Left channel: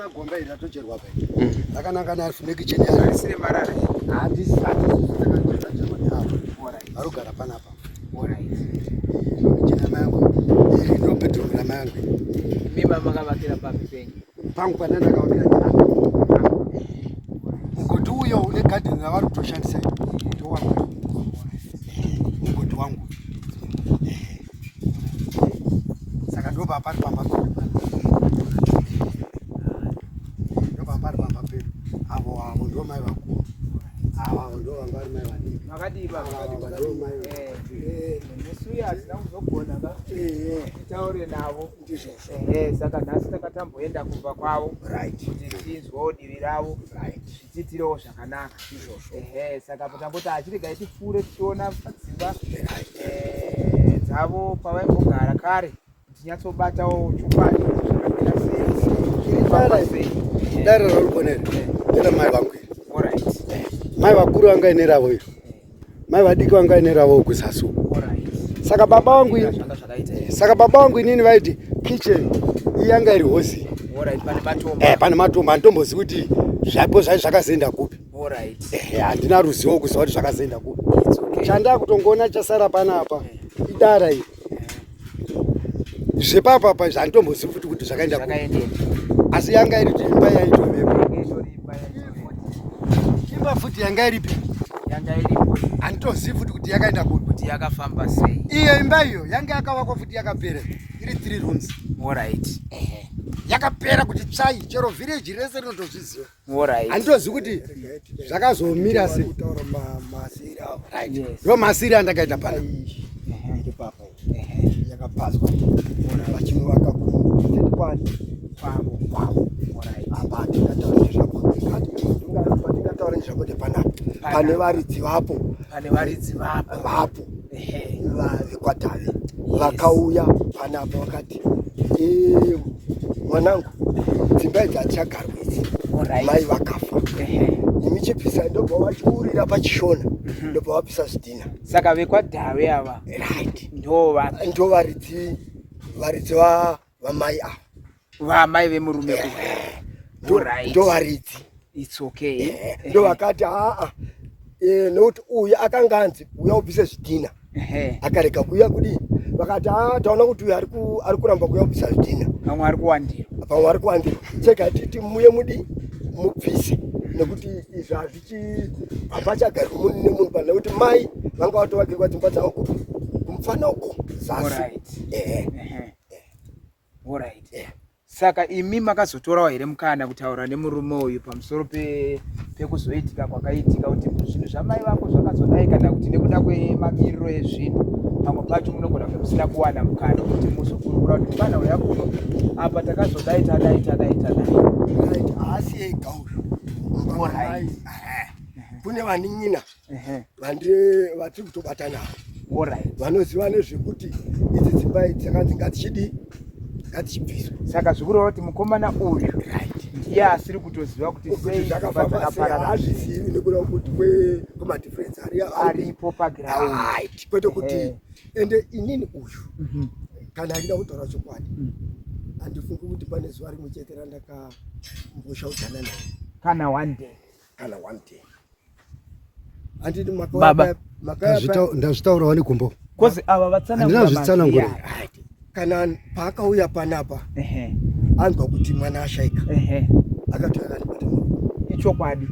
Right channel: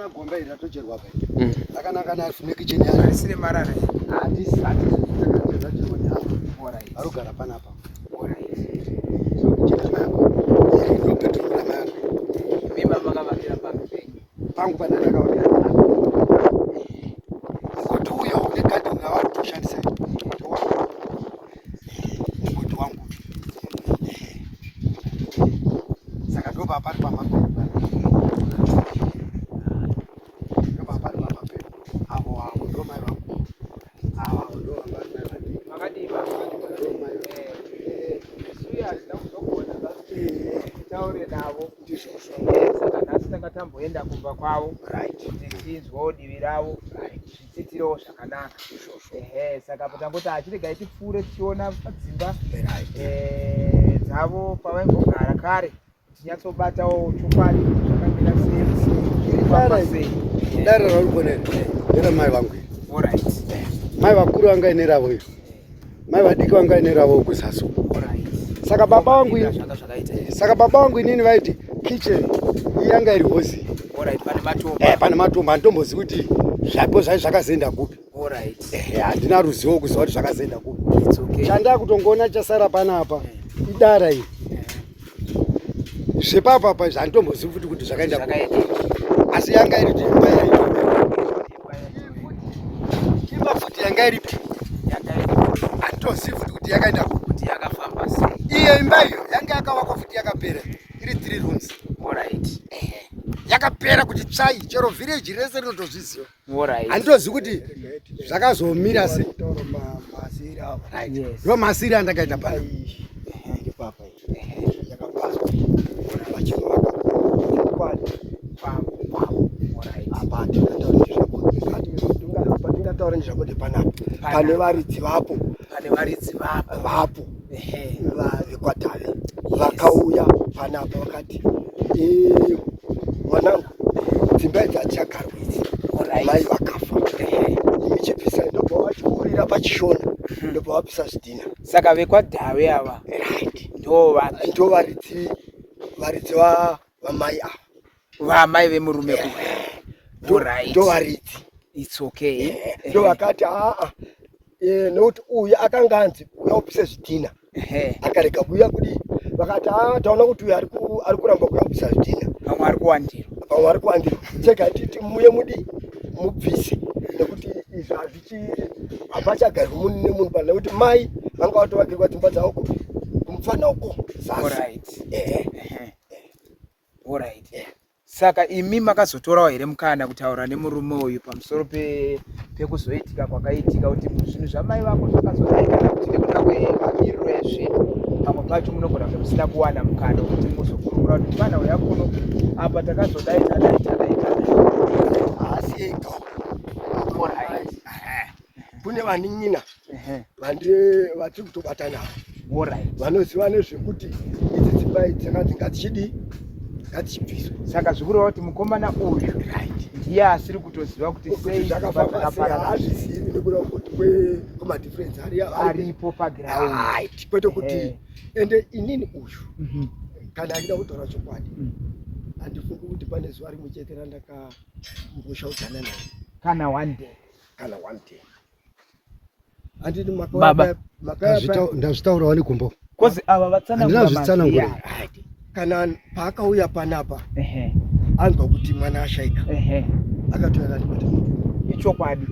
Unoona gomba iri ratocherwa pa. Akanaka na afune kicheni yake sine marara. Handisi. Arugara panapa. Kicheni nako. Ndo petrol na manga. Mimba makavakira papenyu. Pangu panatakaurira. Kuti uyo une kadi na watu kushandisa. Kuti wangu. Saka ndo papa papa. Ndo papa papa pe. Hapo ndo mai wangu. Ndo wangu mai wangu. Makadi papa. Suya zinakuzokuona basi. Tauri navo. Saka nasi takatamboenda kumba kwavo. Kuti tinzwa divi ravo. Zvidzidziro zvakanaka. Saka potangoti achirega tifure tichiona padzimba dzavo pavaimbogara kare. Tinyatsobatawo chokwadi zvakamira sei. Dare rauriponera. Era mai vangu. Mai vakuru vanga ine ravo iyo. Mai vadiki vanga ine ravo kusasu. Saka baba vangu inini vaiti kitchen yanga iri hosi. Pane matombo andombozi kuti zvapo zvakazoenda kupi. Handina ruzivo kuziva kuti zvakazoenda kupi. Chanda kutongona chasara panapa idara iri. Zvepapa pa zvandomboziva futi kuti zvakaenda kupi. Asi yanga iri imba imba futi yanga iripi. Handitozivi futi kuti yakaenda kupi. Yakafamba sei. Iyo imba iyo yanga yakavakwa futi yakapera. Iri 3 rooms. Yakapera kuti tsai chero village rese rinotozviziva. Handitozivi kuti zvakazomira sei. Ndo masiri andakaita pai. Papa yakapaswa. Vachinovaka kwani kwavo. Apati ndingataura nezvakuti pane varidzi vapo. Vapo vekwatave vakauya panapa vakati mwanangu dzimba idzi hadzichagarwa idzi mai vakafa imichipisa ndobva vachiurira pachishona ndobva vapisa zvidhina. Saka vekwatave ava ndo varidzi vamai ava vamai vemurume ndo varidzi. It's okay. Ndo vakati nokuti uyu akanga anzi uya upise zvidhina akarega kuuya kudi vakati taona kuti uyu ari kuramba kuuya kupisa zvidhina pamwe ari kuwandira chega titi muye mudi mubvise nekuti izvi hapachagari nemunhu pana nekuti mai vanga vatovakirwa dzimba dzavo kumufana uko zasi. Saka imi makazotorawo here mukana kutaura nemurume uyu pamusoro pekuzoitika kwakaitika kuti zvinhu zvamai vako zvakazodai kana kuti nekuda kwemamiriro ezvinhu pamwe pacho munogona kuti musina kuwana mukana kuti muzokurukura kuti mwana weyakuno apa takazodai tadai. Asi ega kune vanin'ina vatiri kutobata navo vanoziva nezvekuti idzi dzimba idzi dzakanzi ngatichibviswa. Saka zvikuru kuti mukomana uyu ndiye asiri kutoziva kuti sei zvakaparara. Hazvizivi nekuda kuti kwemadifference aripo paground. Kwete kuti ende inini uyu kana achida kutaura chokwadi handifungi kuti pane zuva rimwe chete randakamboshaudana naye kana one day. Handiti ndazvitaurawo nekumbo kozi ava vatsanangura kana paakauya panapa anzwa kuti mwana ashaika akatoya kanibata ichokwadi.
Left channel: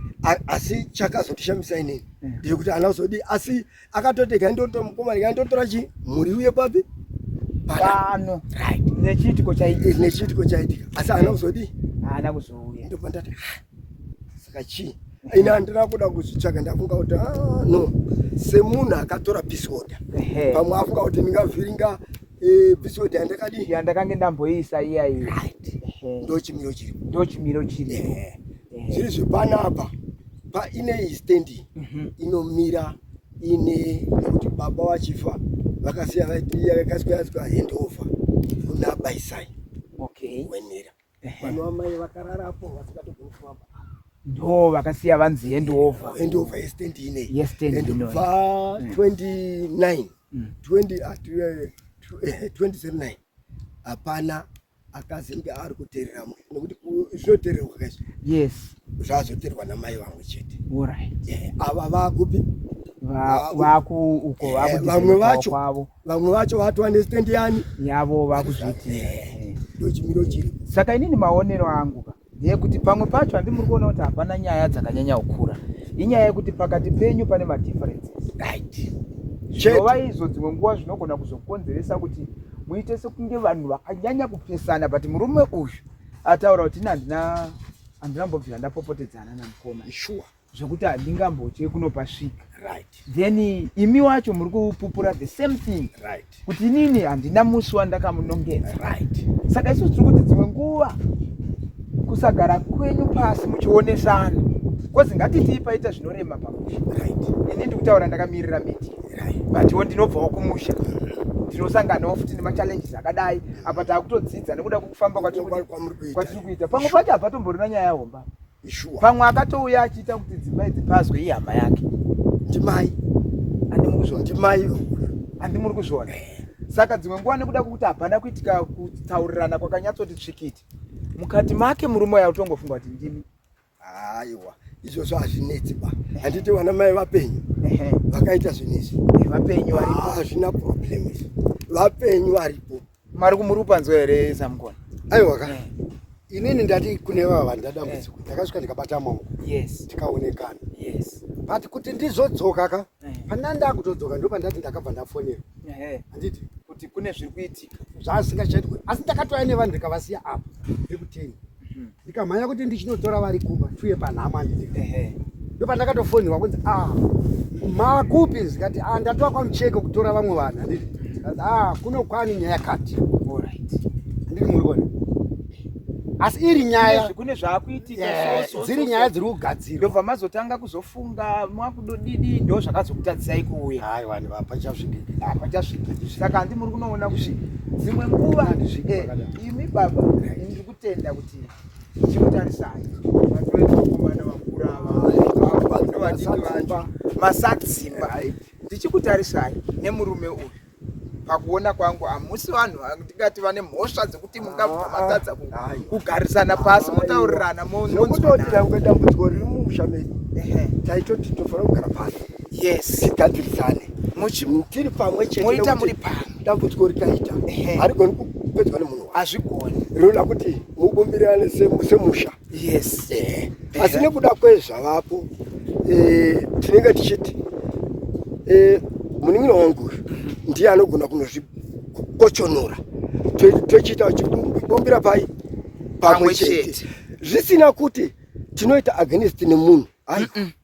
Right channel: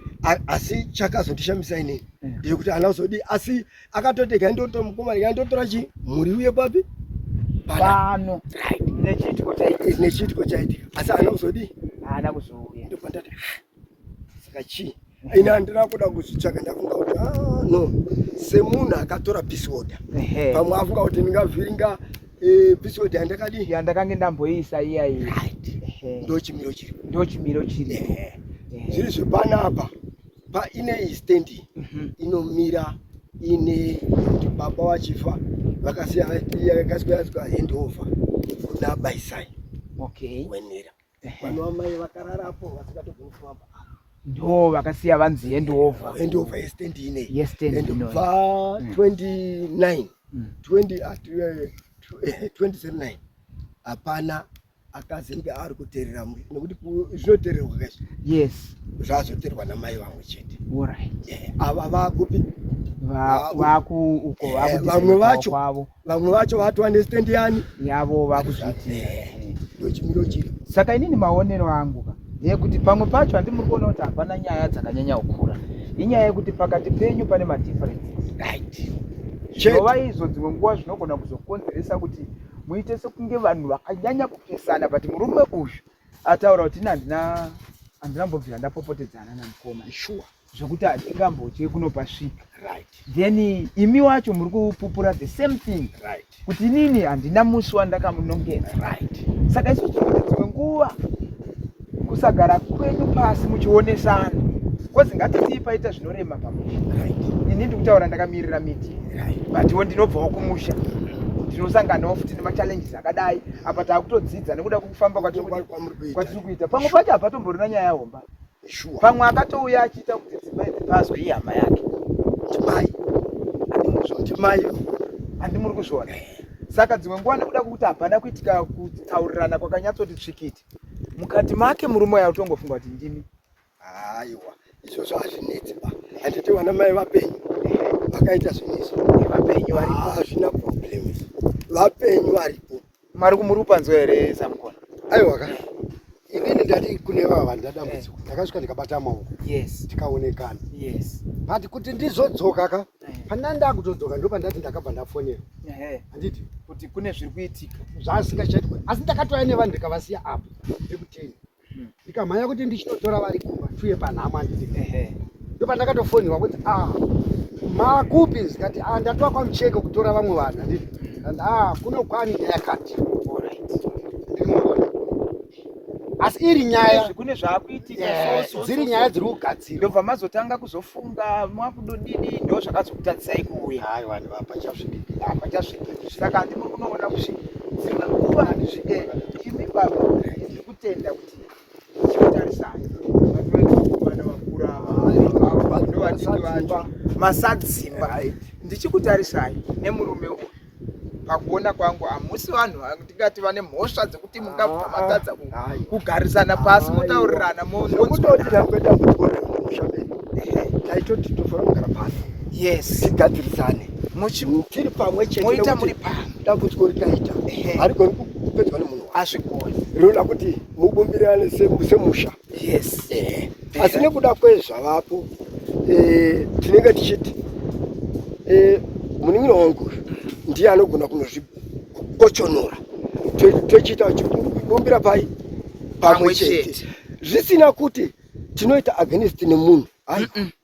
Asi chakazondishamisa inini ndekuti ana uzodi asi akatotega ndotomukomana yandotora mhuri uye papi pano nechitiko chaitika asi ana uzodi haana kuzouya. Ndopandati saka chii ina handina kuda kuzvitsvaka ndafunga kuti no semunhu akatora peace order pamwe afunga kuti ndingavhiringa peace order yandakange ndamboisa iyayi. Ndo chimiro chiripo. Zviri zvepanapa paine stand inomira ine kuti baba vachifa vakasiya yakaswera handover kuna baisai wenera vanhu vamai vakararapo vasikatogoni kufamba ndo vakasiya vanzi handover yestand ineyi ndobva 29 2009 hapana akazinge ari kuteerera nekuti zvinoteererwa kaizvo. Yes. Zvazoteerwa namai vamwe chete. Alright. Ava vakupi? Vaku uko vamwe vacho vatu understand yani yavo vakuzviti. Ndochimiro chiri. Saka inini maonero angu ndeyekuti pamwe pacho handimuri kuona kuti hapana nyaya dzakanyanya kukura. Inyaya yekuti pakati penyu pane madifferences. Right. Zvinova izvo dzimwe nguva zvinogona kuzokonzeresa kuti muite sekunge vanhu vakanyanya kupesana, but murume uyu ataura kuti handinambobvira ndapopotedzana naMukoma. Sure. Zvokuti handingambotye kunopasvika. Right. Then imi wacho muri kupupura the same thing. Right. Kuti inini handina musi wandakamunongedza. Right. Saka isu tiri kuti dzimwe nguva kusagara kwenyu pasi muchionesana. Kozi ngatiti paita zvinorema pamusha. Right. Ini ndikutaura ndakamirira miti. But ndinobvawo kumusha. Tinosanganawo futi nemachallenges akadai. Apa taakutodzidza nekuda kwekufamba kwatiri kuita. Pamwe pacho hapatomborina nyaya yahomba. Pamwe akatouya achiita kuti dzimai dzipazwe ihama yake. Timai handimuri kuzviona. Saka dzimwe nguva nekuda kwekuti hapana kuitika kutaurirana kwakanyatsoti tsvikiti. Mukati make murume yautongofunga kuti ndimi. Aiwa, izvozvo hazvinetsi ba. Handiti vana mai vapenyu vakaita zvinezvi. Vapenyu varipo. Hazvina problem. Vapenyu varipo. Mari kumurupanzwa here Samukona? Aiwa ka. Inini ndati kune vanhu ndadambudziko. Ndakasvika ndikabata maoko. Yes. Tikaonekana. Yes. But kuti ndizodzoka ka. Pana ndakutodzoka ndopa ndati ndakabva ndafonera. Handiti kuti kune zviri kuitika. Zvasingachaitwe. Asi ndakatouya nevanhu ndikavasiya apo. Ndikuteni. Ndikamhanya kuti ndichinotora vari kumba tuye panhama nditi. Ndopa ndakatofonera kuti makupi zikati ndatoa kwamucheko kutora vamwe vanhu handiti. Kuno kwani neyakati. Alright. Ndikubona. Asi iri nyaya kune zvaakuitika dziri nyaya dziri kugadzirwa. Ndobva mazotanga kuzofunga mwakudodidi ndo zvakazokutadzisai kuuya. Hayi vanhu vapachasvikiki. Apachasvikiki. Saka handimuri kunoona kuti dzimwe nguva imi baba ndiri kutenda kuti tinotarisana. Vanhu vekumana vakura ava ndovadiki vacho masadzimba. Ndichikutarisai nemurume uyu. Pakuona kwangu hamusi vanhu ndingati vane mhosva dzekuti mungabva matadza kugarisana pasi mutaurirana munototira kwenda kutora mushambeni. Taitoti tofana kugara pasi. Yes. Tigadzirisane. Tiri pamwe chete. Moita muri pamwe. Dambudziko rikaita. Harigoni kupedzwa nemunhu. Hazvigoni. Rinoda kuti mubumbirane semusha. Yes. Asi nekuda kwezvavapo tinenge tichiti munin'ina wangu ndiye anogona kunozvikochonora. Tochiita chibumbira pamwe chete. Zvisina kuti tinoita against nemunhu. Hayi.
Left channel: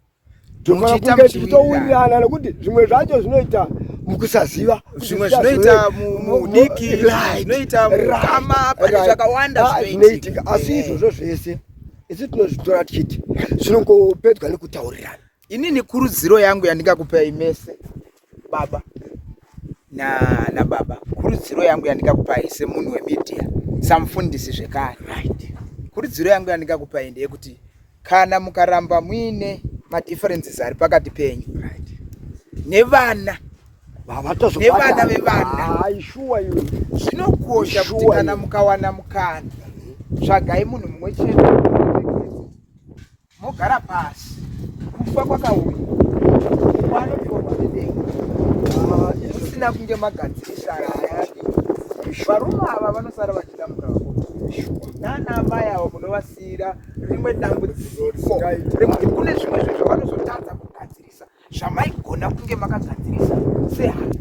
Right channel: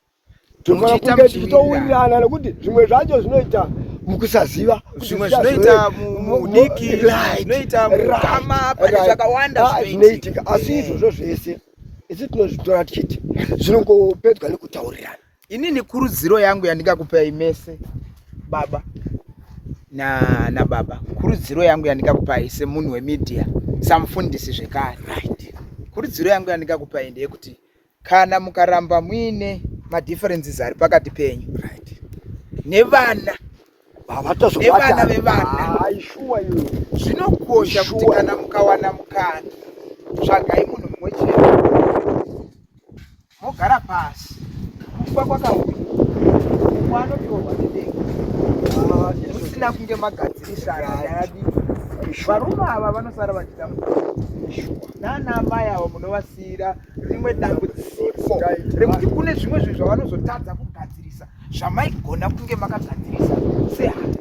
Tofana kunge tichitowirirana nekuti zvimwe zvacho zvinoita mukusaziva. Zvimwe zvinoita mudiki. Zvinoita mukama pane zvakawanda zvinoitika. Asi izvozvo zvese isi tinozvitora tichiti zvinongopedzwa nekutaurirana. Inini kurudziro yangu yandingakupai mese baba na baba, kurudziro yangu yandingakupai semunhu wemedia, samufundisi zvekare. Right. Kurudziro yangu yandingakupai ndeyekuti kana mukaramba muine madifferences ari pakati penyu, right, nevana vevana, zvinokosha kuti kana mukawana mukana tsvagai munhu mumwe chete mogara pasi. Kufa kwakauya umwe anotorwa nedenga usina kunge magadzirisana ayadi. Varume ava vanosara vachitambuka. Nana amai ava munovasiyira rimwe dambudziko rekuti kune zvimwe zvinhu zvavanozotadza kugadzirisa zvamaigona kunge makagadzirisa sehana.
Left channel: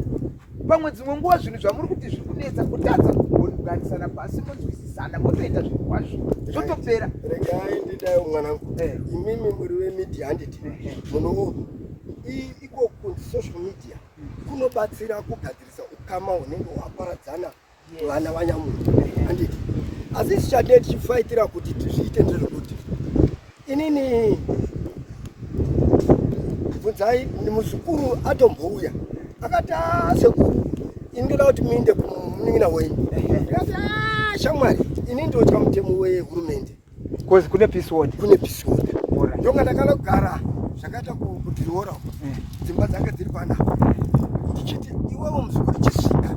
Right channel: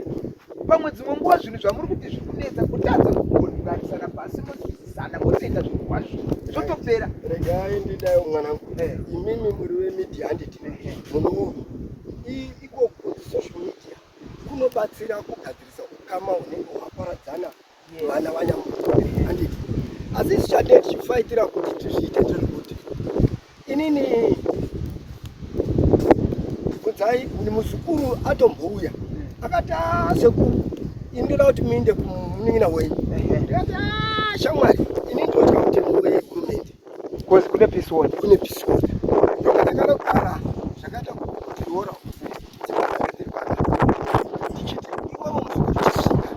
Pamwe dzimwe nguva zvinhu zvamuri kuti zviri kunetsa kutadza kugarisana pasi munzwisisana motoenda zvinhu kwazvo zvotopera. Regai ndidayo mwanangu. Imimi muri wemedia handiti munhu iko social media kunobatsira kugadzirisa ukama hunenge hwaparadzana vana vanyamuntu handiti. Asi tichade tichifaitira kuti tizviite zvekuti inini bvunzai muzukuru atombouya akati sekuru ini ndoda kuti muinde kumunin'ina wenyu. Ndikati shamwari ini ndotya mutemo wehurumende. Kune peace ward. Kune peace ward. Ndoka ndakanogara zvakaita kutiora dzimba dzange dziri pana ndichiti iwewe muzukuru chisvika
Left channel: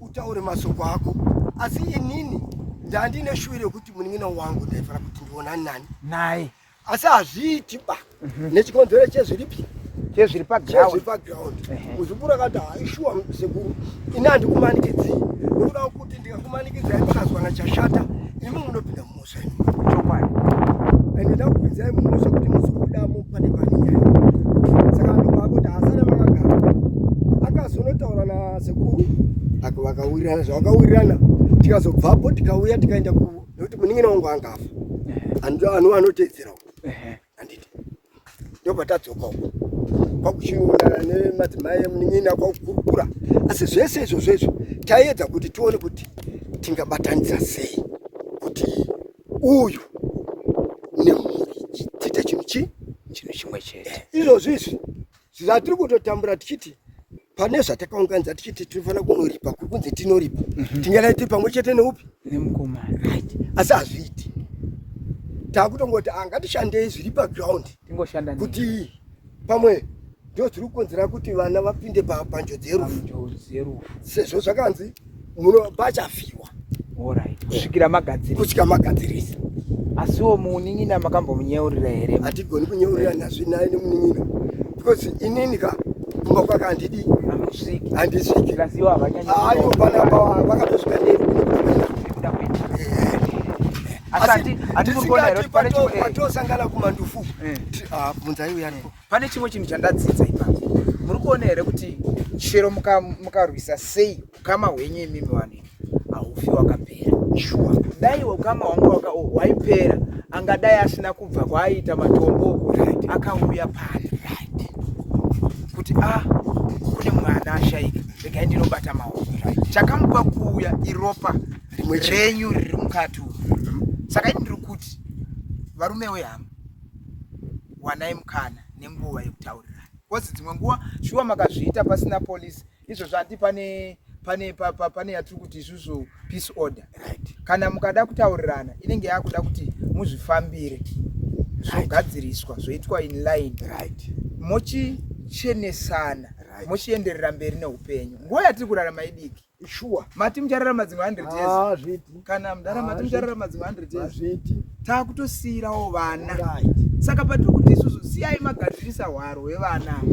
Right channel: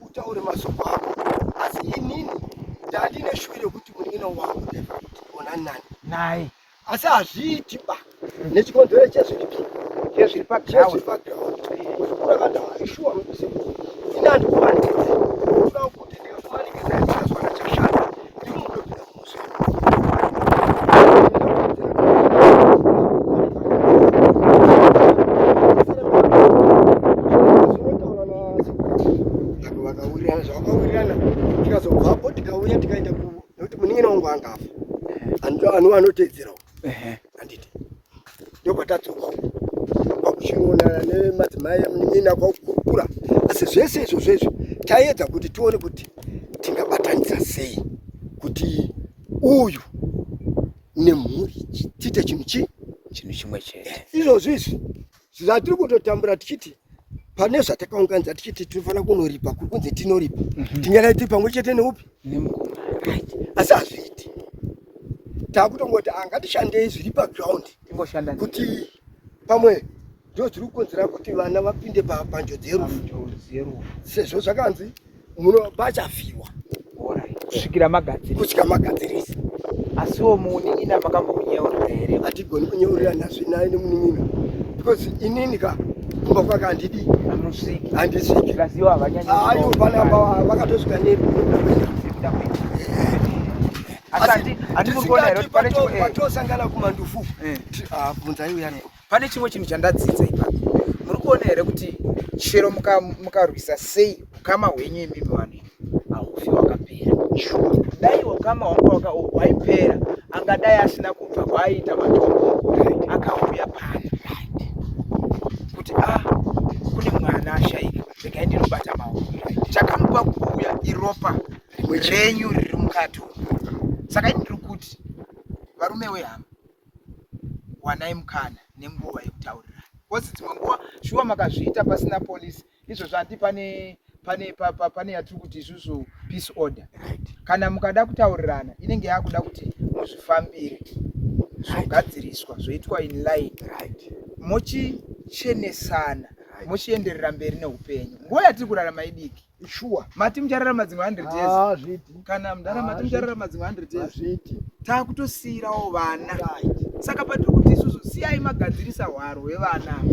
utaure masoko ako. Asi inini ndandine shwire kuti munin'ina wangu ndaifana kuti ndiona nani naye asi hazviiti ba nechikonzero chezviripi chezviri paground uzvikura kada ishuwa sekuru ina handikumanikidzi unoda kuti ndikakumanikidza ndikazwana chashata imi munopinda mumuswe vakawirirana zvavakawirirana tikazobvapo tikauya tikaenda nekuti munin'ina wangu angafa anotedzerawo anditi ndokwatadzoka kwakuchiona nemadzimai emunin'ina kwakukurukura asi zvese izvozvo taedza kuti tione kuti tingabatanidza sei kuti uyu nemhuri tiite chinhu chimwe chete. Izvozvizvi zvatiri kutotambura tichiti pane zvatakaunganidza tichiti tinofanira kunoripa kuri kunzi tinoripa tinyana tiri pamwe chete neupi neMukoma right asi hazviiti takutongoti angatishandei zviri paground kuti pamwe ndo zviri kukonzera kuti vana vapinde panjodzi yerufu sezvo zvakanzi pachafyiwa kusvikira magadzirisa asiwo munin'ina makambomunyeurira here hatigoni kunyeurira nazvinaye nemunin'ina because ininика kumba kwake handisviki ayo panapa vakatosvika neri patosangana kumandufu bvunzai uyaripo. Pane chimwe chinhu chandadzidza ipapo muri kuona here kuti chero mukarwisa sei ukama hwenyu imimi vanhu haufi wakapera dai ukama hwangu hwaipera angadai asina kubva kwaiita matombo akauya pano kuti kune mwana ashaika regai ndinobata maoko chakamupa kuuya iropa renyu riri mukati saka ini ndiri kuti varume wehama wanai mukana nenguva yekutaurira kozi dzimwe nguva shuwa makazviita pasina polisi izvo zvati pane yatiri kuti isusu peace order kana mukada kutaurirana inenge yakuda kuti muzvifambire zvogadziriswa zvoitwa in line mochichenesana mochienderera mberi neupenyu nguva yatiri kurarama idiki shuwa mati muchararama dzimwe 100 years kana mundarama mati muchararama dzimwe 100 years takutosiyirawo vana saka patiri kuti isusu siyai magadzirisa hwaro hwevana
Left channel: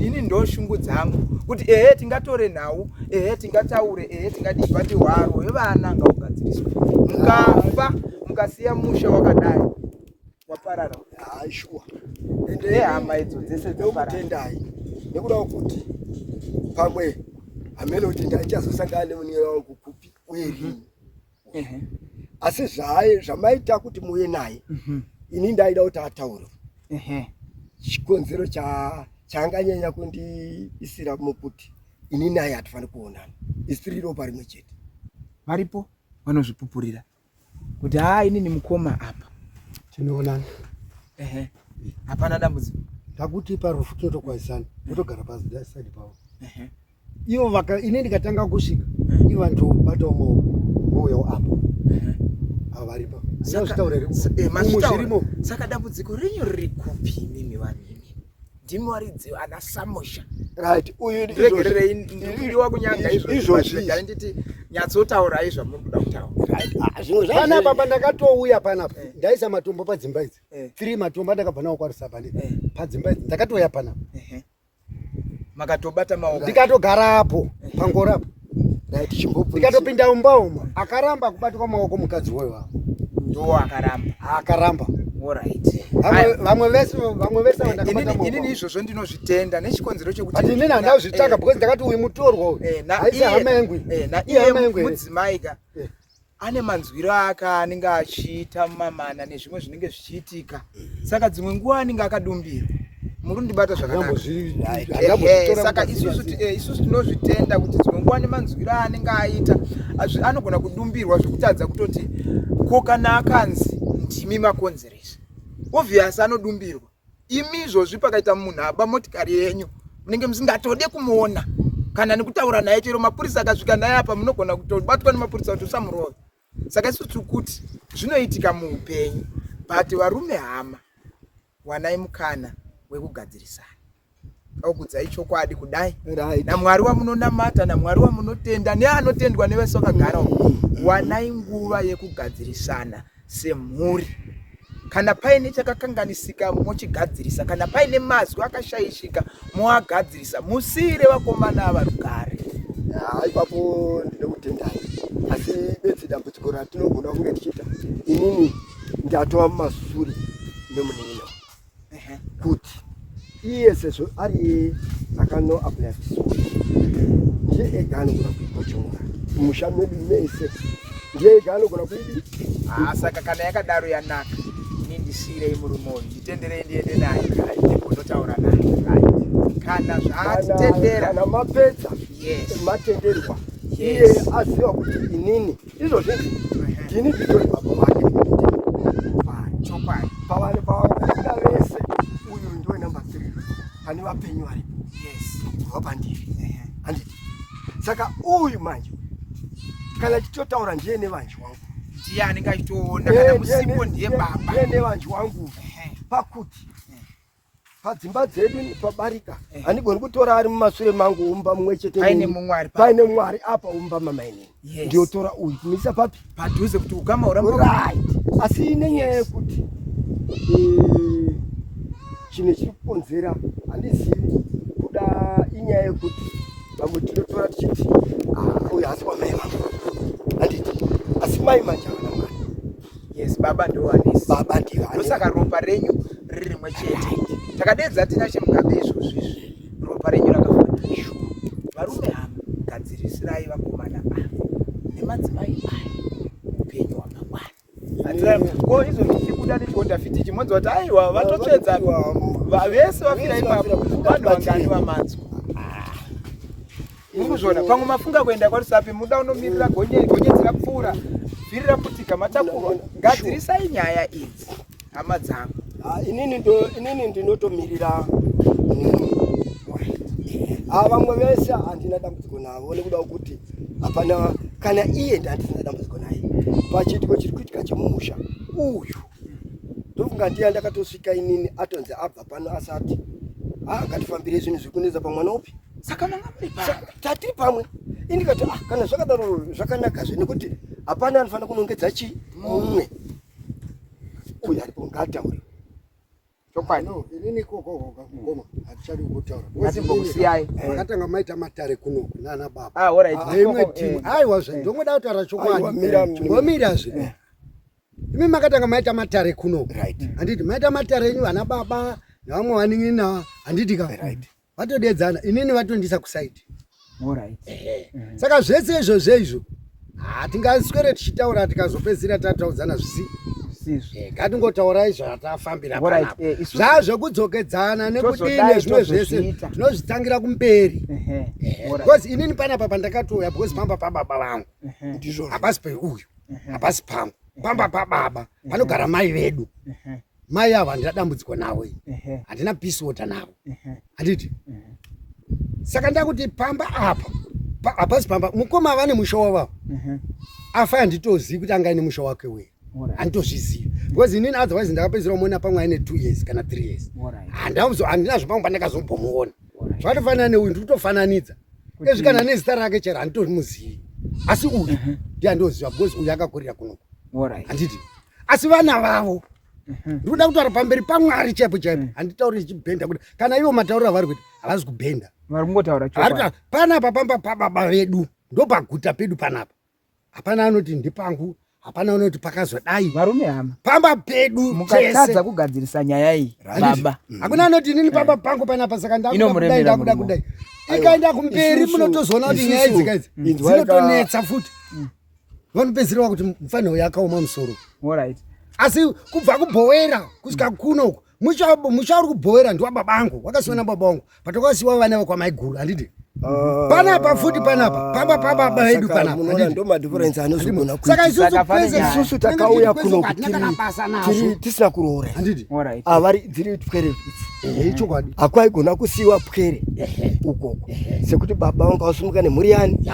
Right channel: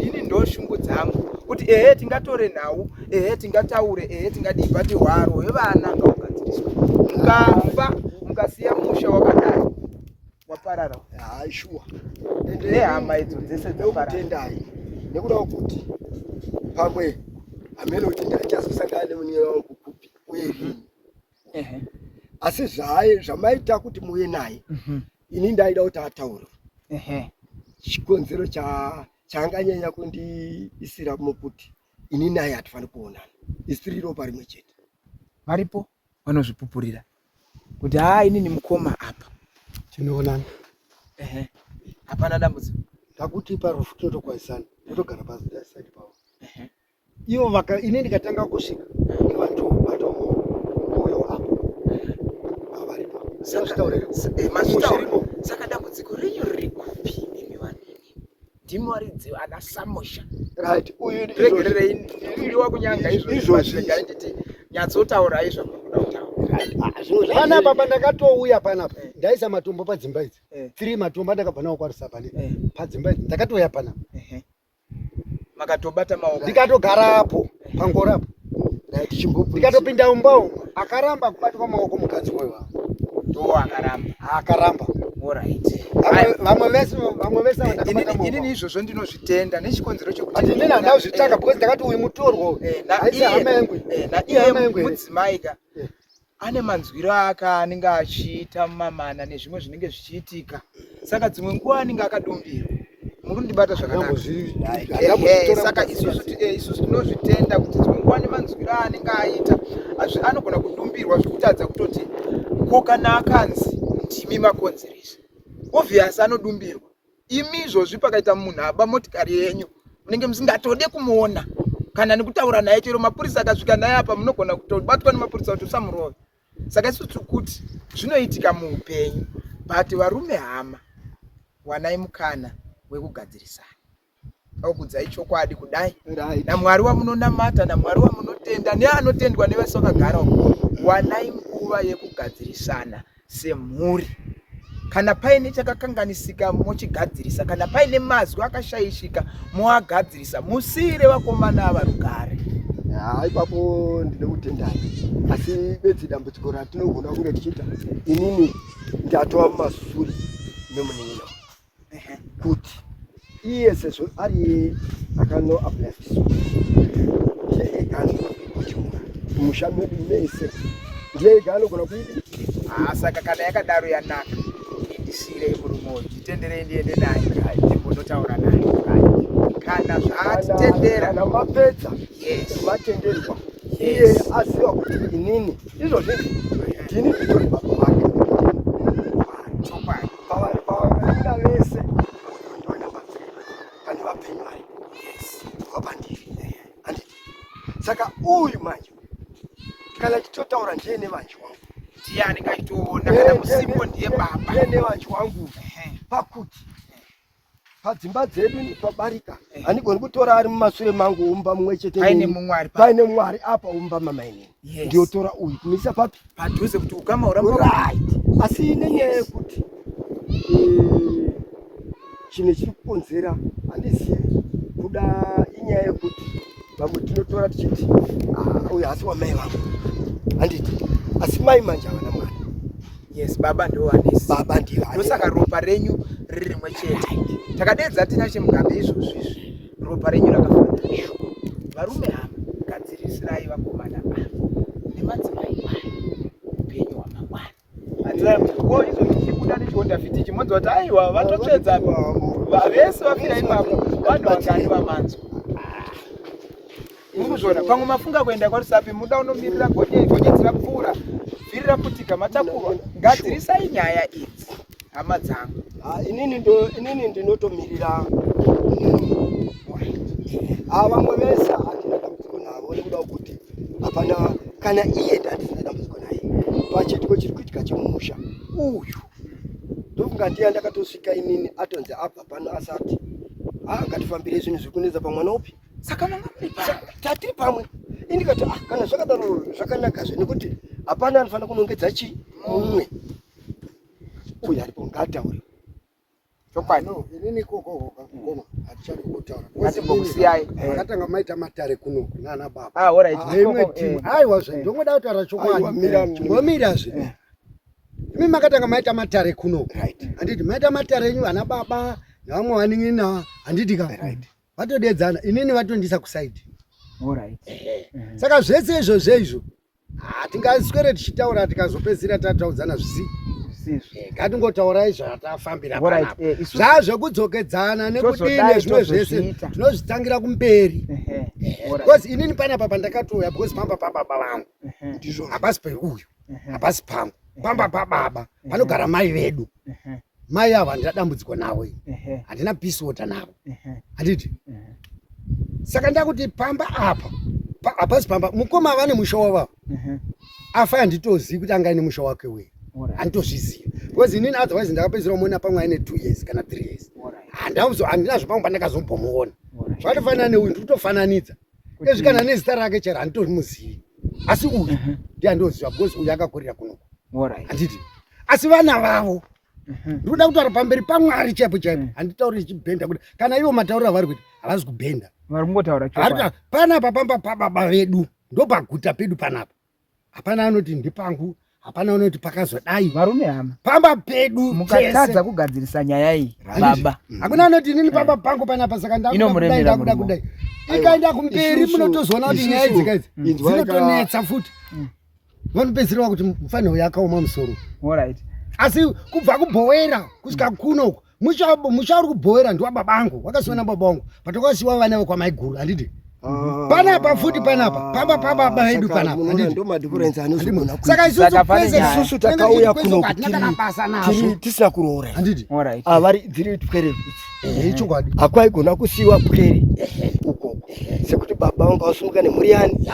ini ndo shungu dzangu kuti tingatore nhau tingataure tingadii pati hwaro hwevana ngaugadziriswa mukafa mukasiya musha wakadai waparara shuwa nehama idzo dzese dzekutendai nekuda kuti pamwe hamene kuti ndachazosangana nemunin'ina wangu kupi uye rini asi zvamaita kuti muye naye ini ndaida kuti ataure chikonzero chaanganyanya kundiisira mukuti ini naye hatifaniri kuonana isi tiri ropa rimwe chete varipo vanozvipupurira kuti ini neMukoma apa tinoonana hapana dambudziko ndakuti parufu totokwaisana totogara pasaidi pavo ivo ini ndikatanga kusvika ivo vatomboyo apo avaripo saka dambudziko renyu riri kupi imi vanini ndimi waridzi ana Samosha regererei ndikudiwa kunyanga izvozvainditi nyatsotaura izvamunoda kutaura panapa pandakatouya panapa ndaisa matombo padzimba idzi 3 matombo andakabva nawo kwarisa padzimba idzi ndakatouya panapa makatobata maoko ndikatogarapo pangorapo ndikatopinda umba akaramba kubatwa maoko mukadzi wayo ndo akaramba vamwe vese inini izvozvo ndinozvitenda nechikonzero chekuti inini handazvitanga because ndakati uyu mutorwa aisi hama yengwe mudzimaika ane manzwiro ake anenge achiita mumamana nezvimwe zvinenge zvichiitika saka dzimwe nguva anenge akadumbirwa muri kundibata zvakanaka saka isusu tinozvitenda kuti dzimwe nguva nemanzwiro anenge aita anogona kudumbirwa zvekutadza kutoti ko kana akanzi ndimi makonzeresa obvious anodumbirwa imi izvozvi pakaita munhu aba motikari yenyu munenge musingatode kumuona kana nekutaura naye chero mapurisa akasvika naye apa munogona kutobatwa nemapurisa kuti usamurova saka isusu tiri kuti zvinoitika muupenyu but varume hama wanai mukana wekugadzirisana okudza ichokwadi kudai naMwari wamunonamata naMwari wamunotenda neanotendwa nevese vakagara uko wanai nguva yekugadzirisana semhuri. Kana paine chakakanganisika mochigadzirisa, kana paine mazwi akashaishika moagadzirisa, musiire vakomana ava rugare. Ipapo ndine kutendai, asi bedzi dambudziko ratinogona kunge tichiita inini ndatova mumasuri memunin'ina kuti iye sezvo ari akano ablatiswa ndiye ega anogona musha medu mese, ndiye ega anogona kuidi. Saka kana yakadaro yanaka, indisiire yemurume uyu nditenderei ndiende naye ndimbonotaura naye. Kana zvaatitendera kana mapedza matenderwa iye aziva kuti inini izvozvi ndini nditori baba vake chokwadi pavaida vese uyu ndoinambatsira kandi vapenyu vari wapandiri handiti. Saka uyu manje kana tichotaura ndiye nevanji wangu, ndiye anenge achitoona kana musipo ndiye baba, ndiye nevanji wangu pakuti padzimba dzedu pabarika handigoni kutora ari mumashure mangu umba mumwe chete paine Mwari apa umba mamainini ndiotora uyu kumisa papi padhuze kuti ukamaura asi nenyaya yekuti chinhu chiri kukonzera handizivi kuda inyaya yekuti vamwe tinotora tichiti uyu asi wamai vangu handiti, asi mai manje havana Mwari. Baba ndowanesi, baba ndivani, ndosaka ropa renyu riri rimwe chete. Takadedza tina chemugabe izvozvi ropa renyu rakafanana. Varume hama gadzirisirai vakomana ava nemadzimai aya upenyu hwamangwana. Atirai izvozvi tichikuda nechikuonda fiti chimodzi kuti aiwa vatotsvedza vese vafira ipapo vanhu vangani vamanzwa. Murikuzviona pamwe mafunga kuenda kwaRusapi muda unomirira gonyeti rapfuura vhiri raputika matakurwa. Gadzirisai nyaya idzi hama dzangu. Inini ndinotomirira vamwe vese hatina dambudziko navo nekuda kuti hapana kana iye ndatina dambudziko naye pachitiko chiri kuitika chemumusha uyu. Ndofunga ndiye ndakatosvika inini atonzi abva pano asati ngatifambire zvinhu zviri kunetsa pamwana upi. Saka tatiri pamwe indikati kana zvakadaro zvakanakazve nekuti hapana anofanira kunongedza mumwe uyu aripo ngatauriwe. Chokwano inini koko hatichadi kutaura ngatimbosiyai akatanga maita matare kuno nana baba alright imwe timu aiwa zve ndomoda kutaura chokwadi ngomira zve imi makatanga maita matare kuno handiti maita matare enyu ana baba nevamwe vanin'ina handiti ka vatodedzana inini vatondisa kusaidi. Saka zvese izvozvo izvo hatingaswere tichitaura tikazopedzisira tataudzana zvisi ngatingotaurai zvatafambira panapa zvazvekudzokedzana nekudini zvimwe zvese tinozvitangira kumberi. Because inini panapa pandakatouya because pamba pababa vangu hapasi peuyu hapasi pangu pamba pababa panogara mai vedu. Mai ava handina dambudziko navo, handina peace water navo handiti. Saka ndakuti pamba apa hapasi pamba mukoma vane musha wavo afa handitozivi kuti angaine musha wake wei handitozviziva because inini otherwise ndakapedzera muona pamwe aine 2 years kana 3 years handinazvo pamwe pandakazombomuona zvatofanana neuyu ndiri kutofananidza ezvikana nezita rake chero handitomuzivi asi uyu ndi handoziva because uyu akakurira kunoko handiti. Asi vana vavo ndikuda kutaura pamberi paMwari chaipo chaipo handitauri ichibhenda kuti kana ivo mataurira vari kuti havazi kubhenda panapa pamba pababa vedu ndopaguta pedu panapa hapana anoti ndipangu hapana anoti pakazodai varume hama pamba pedu mukatadza kugadzirisa nyaya iyi baba hakuna anoti nini pamba pangu panapa saka ndakuda kudai ikaenda kumberi munotozoona kuti nyaya idzi dzinotonetsa futi vanopedzisira kuti mufaniro yakaoma musoro. Asi kubva kubhowera kusvika kunoko musha uri kubhowera ndiwababangu wakasiwana baba vangu patokasiwa vana vekwamaiguru handiti. Panapa futi panapa pamba pababa vedu panapa handiti. Saka isusu takauya kuno tisina kuroora avari dziri pwere chokwadi hakwaigona kusiyiwa pwere ukoko sekuti baba vangu vasumuka nemhuri yani.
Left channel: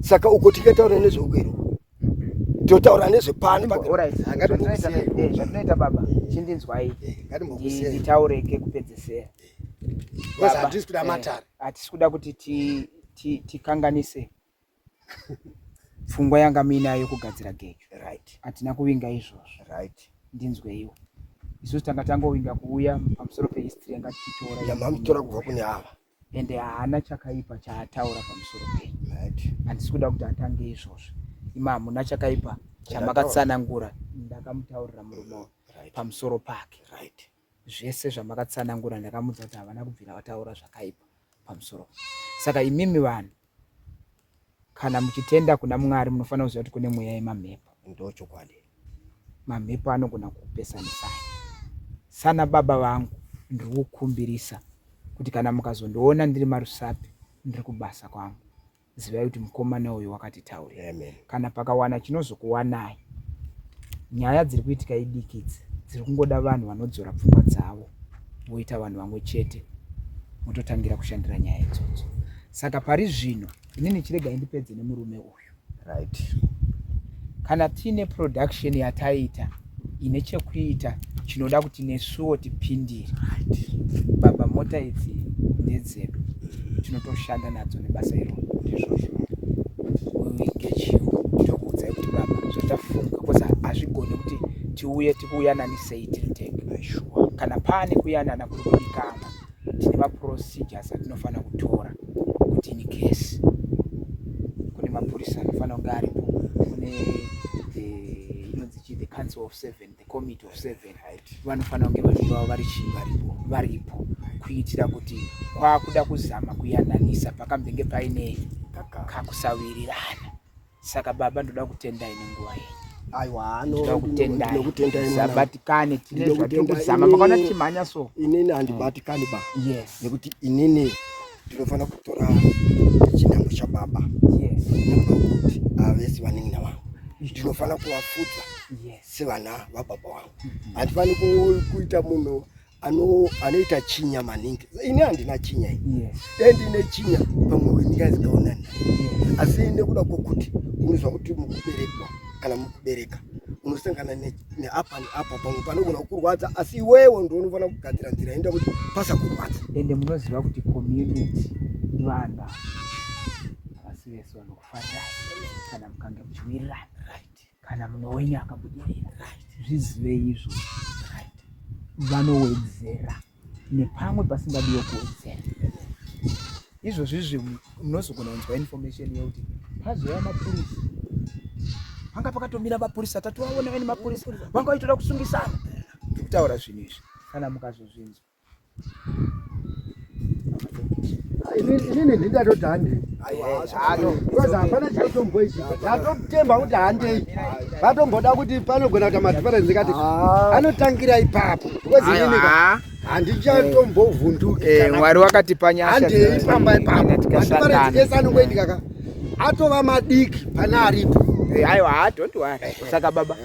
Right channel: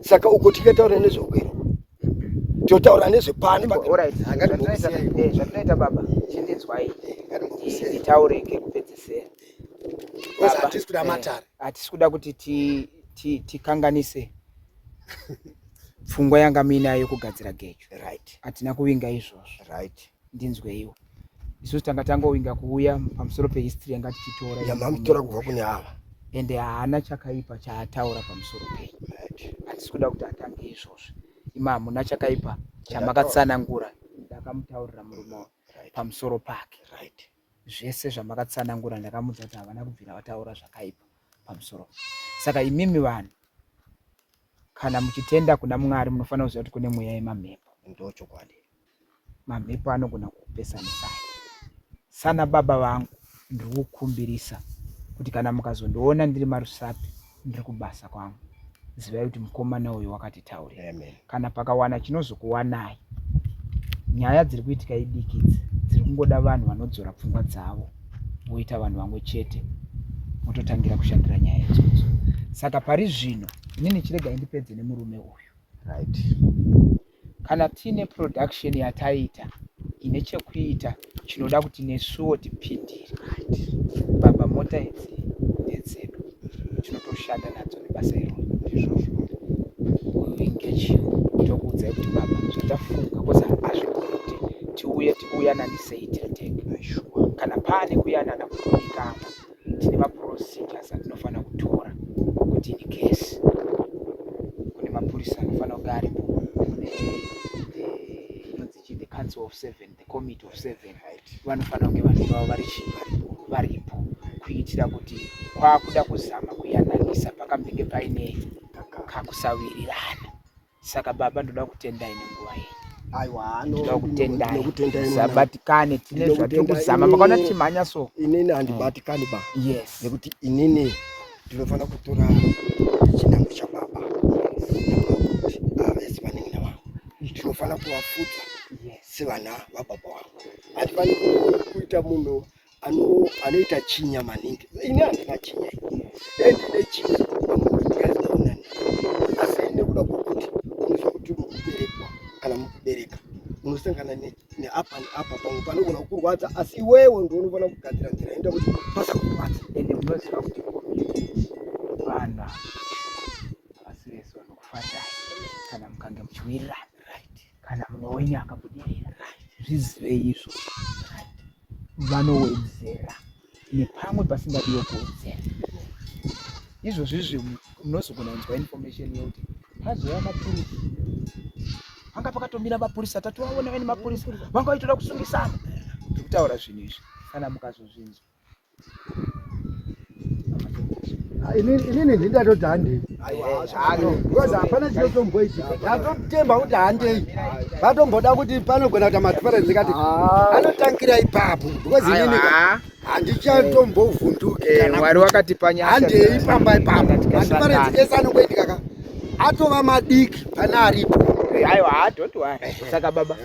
Saka uko tikataura nezveukwero totaura nezvepano zvatoita baba chindinzwai nditaureke kupedzisira Baba hatisi kuda matare. Hatisi kuda kuti tikanganise pfungwa yanga minayo kugadzira gejo. Right. Hatina kuvinga izvozvo. Right. Ndinzwe iwe. Isusu tanga tangovinga kuuya pamusoro pehistory yanga tichitora. Yamamutora kubva kune ava. Ende haana chakaipa chaataura pamusoro penyu. Right. Handisi kuda kuti atange izvozvo. Ima hamuna chakaipa chamakatsanangura ndakamutaurira murume pamusoro pake. Right. Zvese zvamakatsanangura ndakamudza kuti havana kubvira vataura zvakaipa pamusoro. Saka imimi vanhu kana muchitenda kuna Mwari munofanira kuziva kuti kune mweya yemamhepo. Ndochokwadi. Mamhepo anogona kupesanisai. Sana baba vangu ndiri kukumbirisa kuti kana mukazondiona ndiri marusapi ndiri kubasa kwangu, zivai kuti mukomana uyu wakatitaurira. Amen. Kana pakawana chinozokuwanai, nyaya dziri kuitika idikidzi dziri kungoda vanhu vanodzora pfungwa dzavo voita vanhu vamwe chete mototangira kushandira nyaya idzodzo. Saka pari zvino inini chirega indipedze nemurume uyu. Right. Kana tine production yataita ine chekuita chinoda kuti nesuwo tipindire. Baba mota idzi ndedzedu, tinotoshanda nadzo nebasa iro ndizvozvo. Uingechiwo tokuudzai kuti baba zvatafunga koza hazvigoni kuti tiuye tikuyanani sei tiritenge. Kana pane kuyanana kudikana tine maprocedures atinofanira kutora kuti in case kune mapurisa anofanira kunge aripo, kune the council of 7, the committee of 7, vanofanira kunge vanhu vavo varipo kuitira kuti kwakuda kuzama kuyananisa pakambenge paine kakusawirirana. Saka baba ndoda kutendai nenguva yenyu. Aiwa, ndoda kutendai sabatikane tine Ndoda zvatiri kutendai kuzama. Makaona tichimhanya so inini handibatikani ba. yes, Nekuti inini ndinofanira kutora chinango chababa. Kuti avese vanengina vangu ndinofanira kuvafudza sevana vababa vangu. Hatifaniri kuita munhu anoita chinya maningi. Ini handina chinya. Ndine chinya pamwe ndikazoonana. Asi nekuda kwokuti unozwa kuti mukuberekwa kana mukubereka unosangana neapa neapa pamwe panogona kukurwadza, asi iwewe ndiwe unofanira kugadzira nzira inoita kuti pasakurwadza. Ende munoziva kuti community vanhu havasi vese vanokufarirai kana mukange muchiwirirana, kana munowenya akabudirira, zvizive izvo. Vanowedzera nepamwe pasingadiwe kuwedzera. Izvozvo izvi munozogona kunzwa information yekuti pazouya mapurisa, panga pakatomira mapurisa, tatovaona vane mapurisa vanga vaitoda kusungisana. Ndikutaura zvinhu izvi kana mukazozvinzwa. Inini ndingatoti handei. Koza hapana chaitomboitika. Ndatokutemba kuti handei. Ndatomboda kuti panogona kuti madhifarenzi kati anotangira ipapo. Because inini handichatombovhunduka. Mwari wakatipa nyasha. Handei pamba ipapo. Madhifarenzi ese anongoitika ka atova madiki pane aripo. Aiwa, don't worry. Saka baba